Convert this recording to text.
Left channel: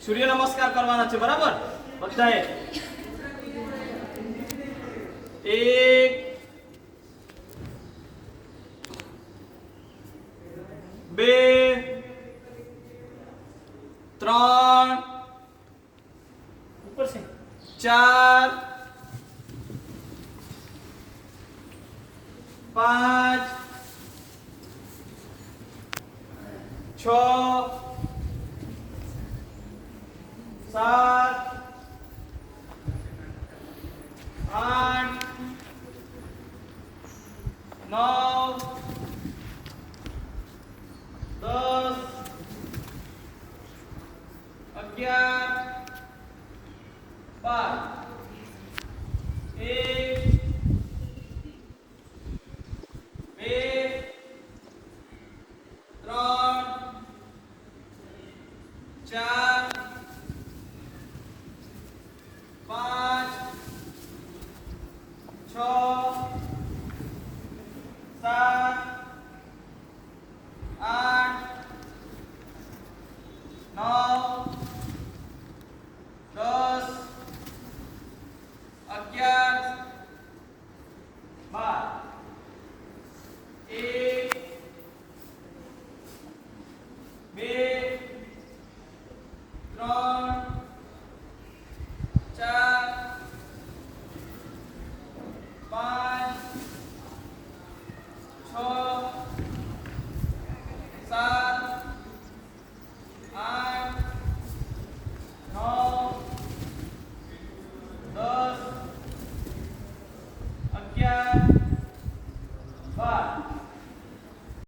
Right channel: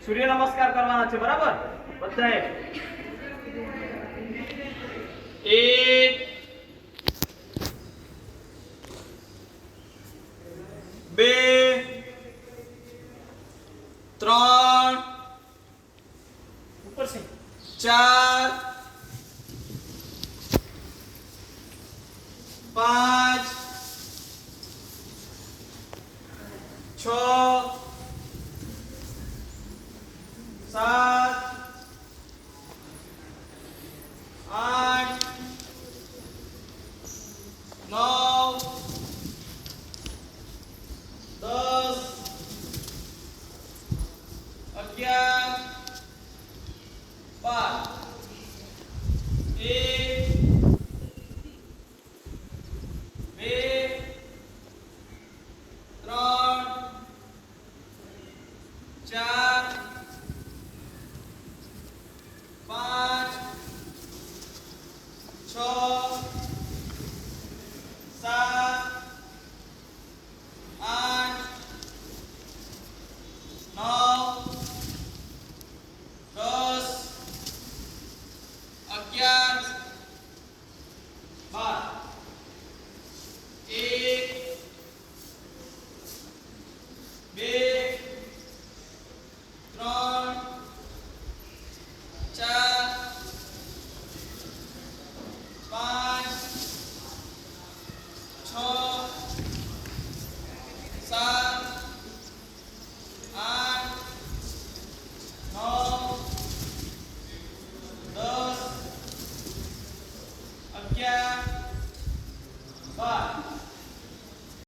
સૂર્ય નમસ્કાર કરવાના છે બરાબર બધાએ 1 2 3 ઉપર છે 4 5 6 7 8 9 10 11 12 1 2 3 4